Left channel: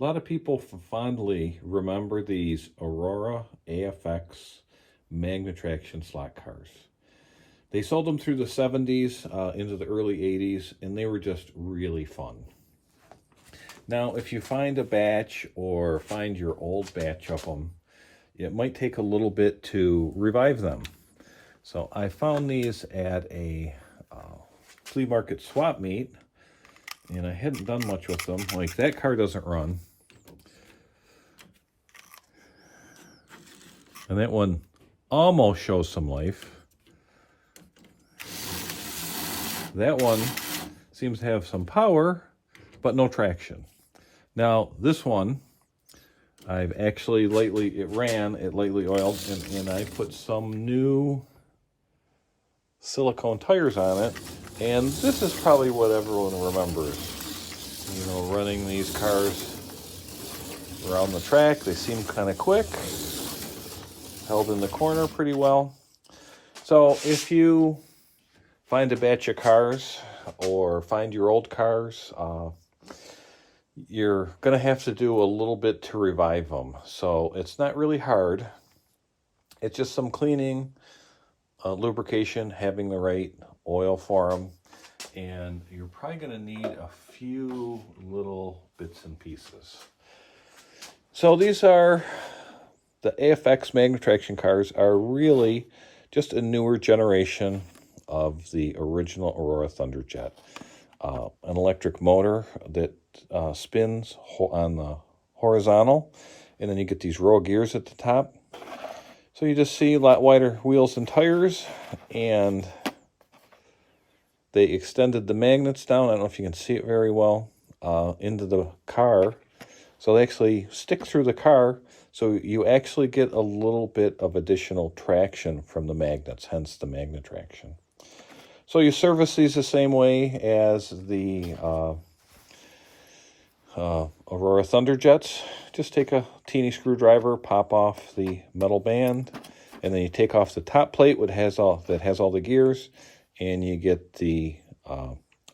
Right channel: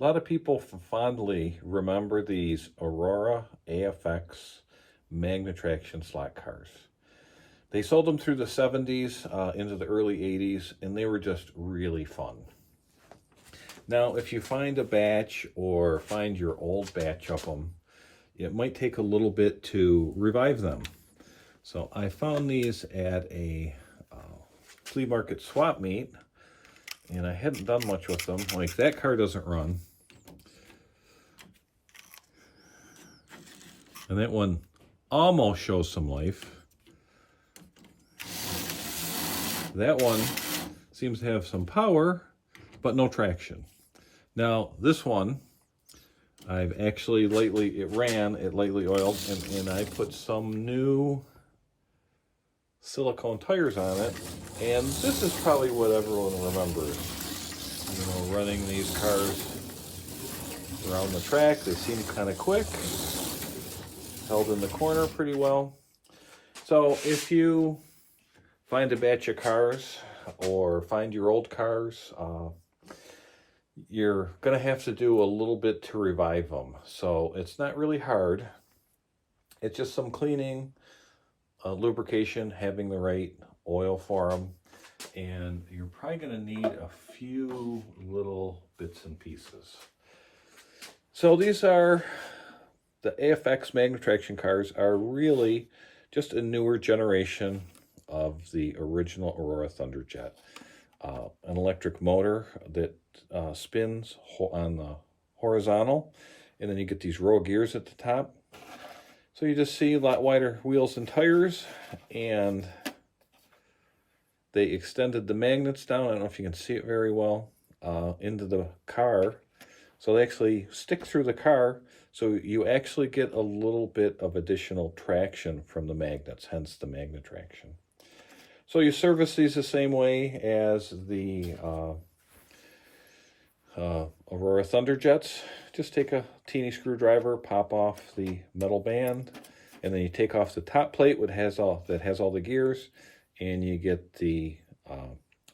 A lot of people fondly remember these Aurora AFX Magna-Traction slot cars. They sold them through the 70s into the early 80s, and they were just really fun. Now, if you find a batch or find your old batch of them, it might take a little bit to revive them. So I found these at a flea market swap meet, and I hadn't done much with them. Like, that car doesn't run. And that one almost shows some life. That one seems to have some power, but no traction. Now, this one, I've actually lightly oiled, and I put some new silicone tires on it. And this is probably what everyone remembers. You know, running these cars around the track. They seem kind of quick. Held in the corner pretty well. So if you find a batch of cars or find your old cars, you're going to have to do a little bit to revive them. So it's not really hard. It's just some cleaning, lubrication, having the right oil for them. And you're probably going to need a few little bits and pieces. So these are the AFX Magna-Traction cars, are really just a newer generation of the original Aurora Thunderjet. An electric motor that spins on the horizontal, and then you get these row gears at the top. So you just see a lot wider wheels and tires, and they extended the magnets down, I don't know if you can see it very well, into the car. So they actually stick through the car, so you actually get a little bit of additional traction from the magnets, hence the Magna-Traction. So you service these the same way as the Aurora Thunderjets. Just take a teeny screwdriver, pop off the metal band, and then you take off the top plate that has all the gears, and you get the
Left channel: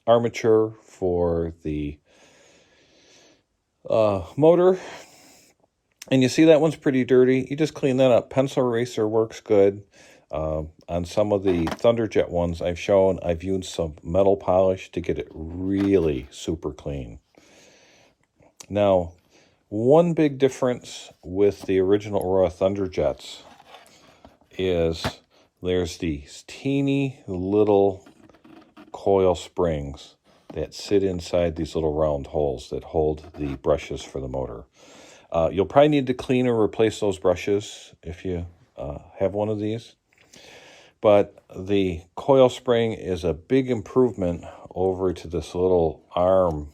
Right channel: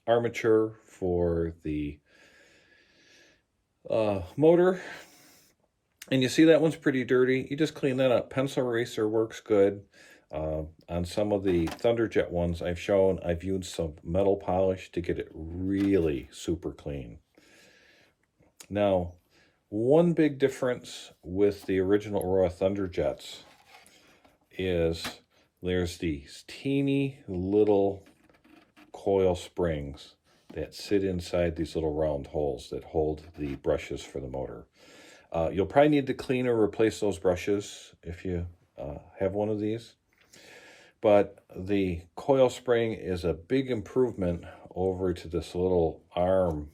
armature for the motor. And you see that one's pretty dirty. You just clean that up. Pencil eraser works good. On some of the Thunderjet ones I've used some metal polish to get it really super clean. Now, one big difference with the original Aurora Thunderjets is there's these teeny little coil springs that sit inside these little round holes that hold the brushes for the motor. You'll probably need to clean or replace those brushes if you have one of these. But the coil spring is a big improvement over to this little arm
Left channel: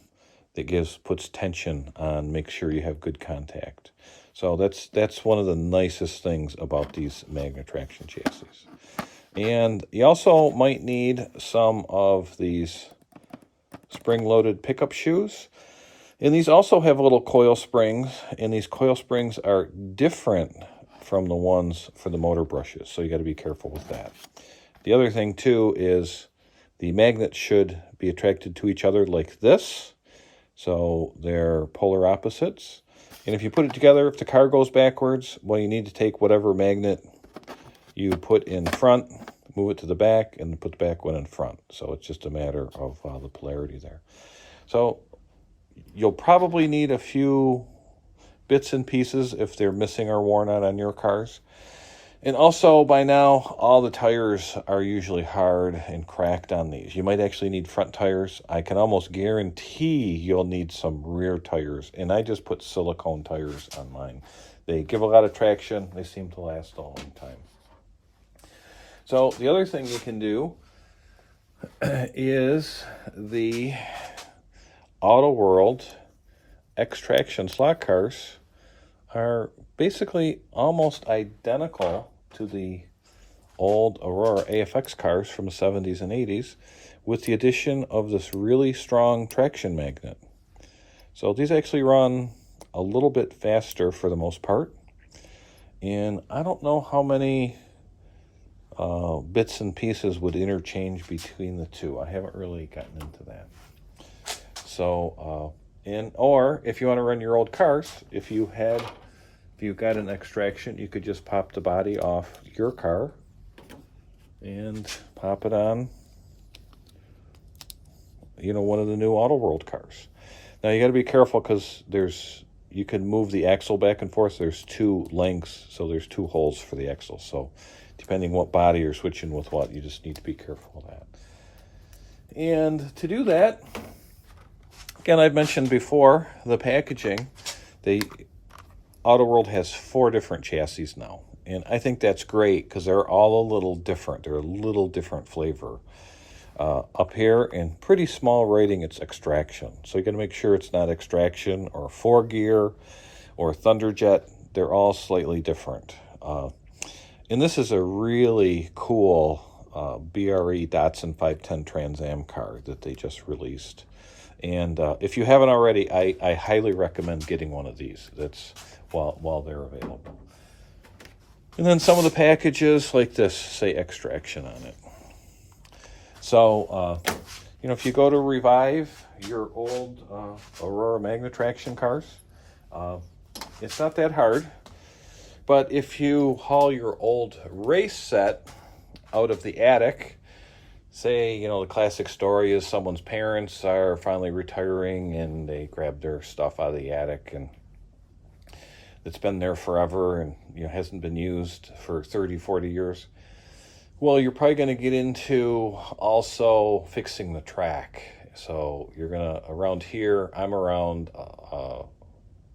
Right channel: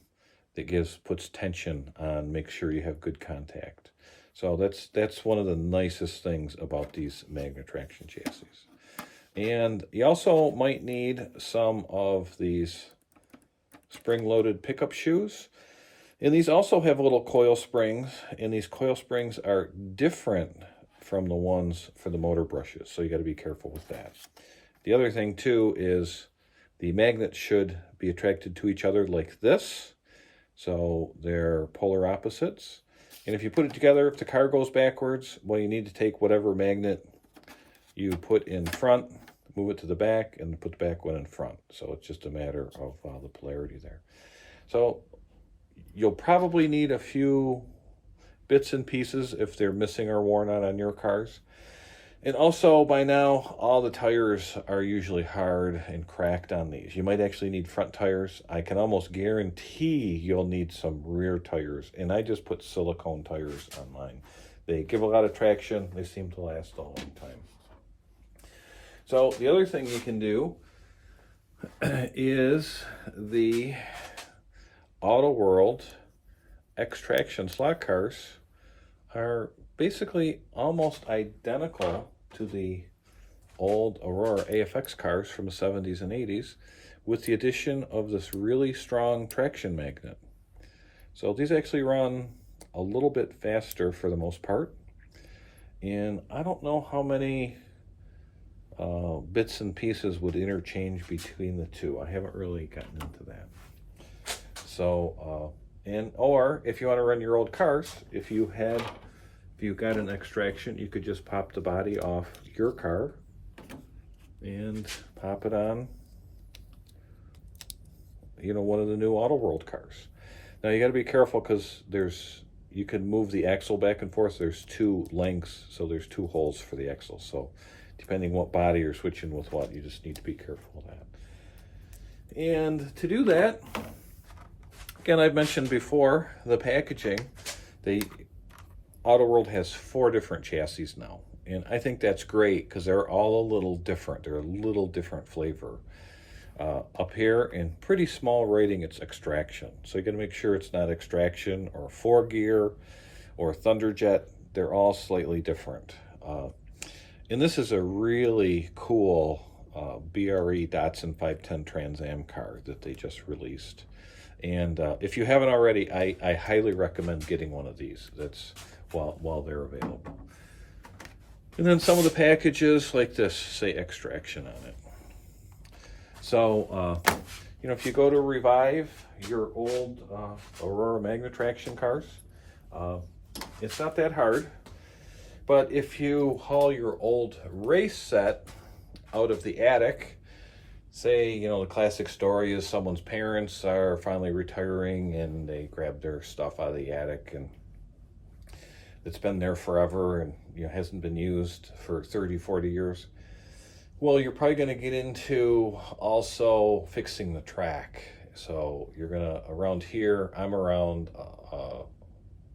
that puts tension on, make sure you have good contact. So that's one of the nicest things about these Magna-Traction chassis. And you also might need some of these spring-loaded pickup shoes. And these also have little coil springs, and these coil springs are different from the ones for the motor brushes, so you got to be careful with that. The other thing, too, is the magnets should be attracted to each other like this, so they're polar opposites. And if you put it together, if the car goes backwards, well, you need to take whatever magnet you put in front, move it to the back, and put the back one in front. So it's just a matter of the polarity there. So you'll probably need a few bits and pieces if they're missing or worn out on your cars. And also, by now, all the tires are usually hard and cracked on these. You might actually need front tires. I can almost guarantee you'll need some rear tires. And I just put silicone tires on mine. They give a lot of traction. They seem to last a long time. So the other thing you can do is the Auto World X-Traction slot cars are basically almost identical to the old Aurora AFX cars from the 70s and 80s, with the addition of this really strong traction magnet. So these actually run a little bit faster for the most part, and I don't know how many bits and pieces would interchange between the two. I haven't really gotten into that. So Or if you want to run your old cars, if you've got an extraction, you could just pop the body off your car and pop it on, one of the new Auto World cars. Now you got to be careful because you can move the axle back and forth. There's two lengths, so there's two holes for the axle. So depending what body you're switching with what, you just need to be careful of that. And to do that, again, I've mentioned before, the packaging, Auto World has 4 different chassis now. And I think that's great because they're all a little different. They're a little different flavor. Up here, in pretty small writing, it's extraction. So you got to make sure it's not extraction or 4-gear or Thunderjet. They're all slightly different. And this is a really cool BRE Datsun 510 Trans Am car that they just released. And if you haven't already, I highly recommend getting one of these. That's while they're available. And then some of the packages like this say extraction on it. So, if you go to revive your old Aurora Magna-Traction cars, it's not that hard. But if you haul your old race set out of the attic, say, the classic story is someone's parents are finally retiring and they grab their stuff out of the attic and it's been there forever and hasn't been used for 30, 40 years. Well, you're probably going to get into also fixing the track. So you're going to, around here, I'm around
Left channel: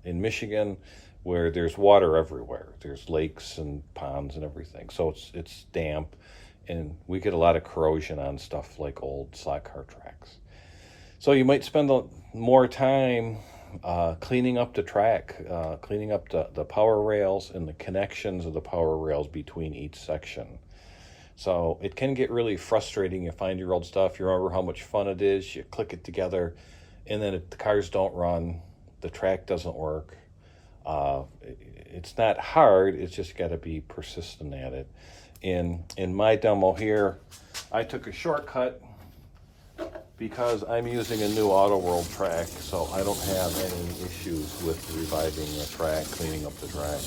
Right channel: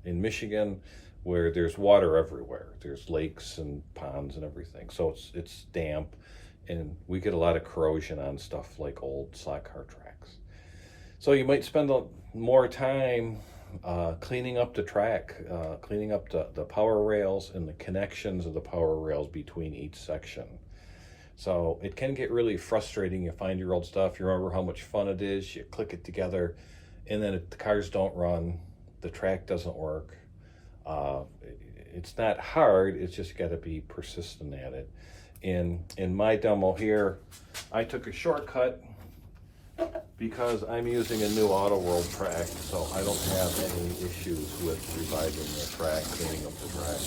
in Michigan where there's water everywhere. There's lakes and ponds and everything. So it's damp and we get a lot of corrosion on stuff like old slot car tracks. So you might spend more time cleaning up the track, cleaning up the power rails and the connections of the power rails between each section. So it can get really frustrating. You find your old stuff, you remember how much fun it is, you click it together, and then the cars don't run, the track doesn't work. It's not hard, it's just got to be persistent at it. In my demo here, I took a shortcut because I'm using a new Auto World track, so I don't have any issues with reviving the track, cleaning up the track.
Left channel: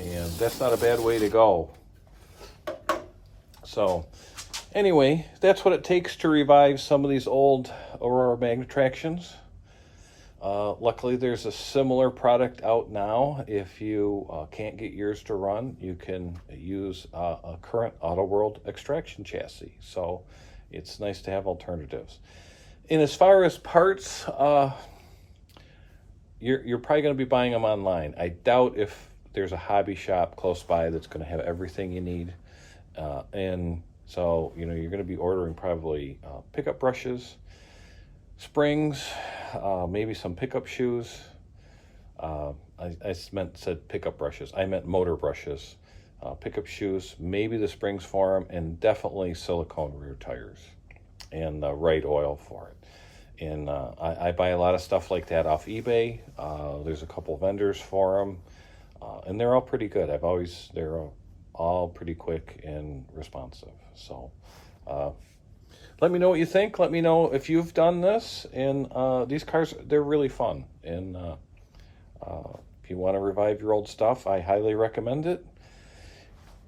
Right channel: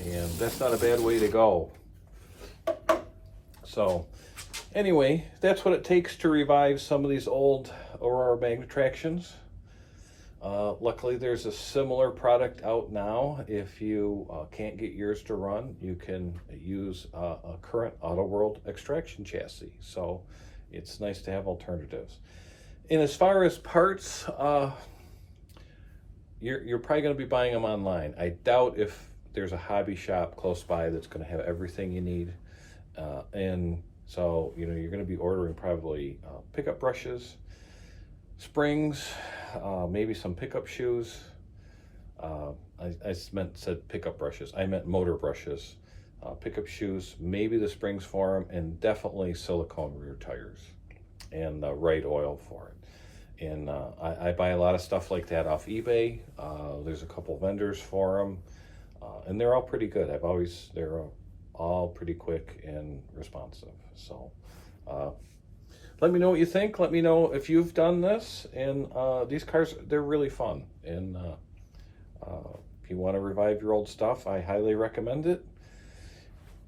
And that's not a bad way to go. So anyway, that's what it takes to revive some of these old Aurora Magna-Tractions. Luckily, there's a similar product out now. If you can't get yours to run, you can use a current Auto World extraction chassis. So it's nice to have alternatives. And as far as parts, you're probably going to be buying them online. I doubt if there's a hobby shop close by that's going to have everything you need. And so, you're going to be ordering probably pickup brushes, springs, maybe some pickup shoes. I said pickup brushes. I meant motor brushes, pickup shoes, maybe the springs for them, and definitely silicone rear tires and the right oil for it. And I buy a lot of stuff like that off eBay. There's a couple vendors for them, and they're all pretty good. They're all pretty quick and responsive. So let me know what you think. Let me know if you've done this. And these cars, they're really fun. And if you want to revive your old stuff, I highly recommend it.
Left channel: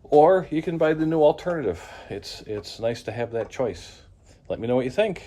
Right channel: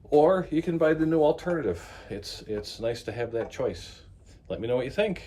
Or you can buy the new alternative. It's nice to have that choice. Let me know what you think.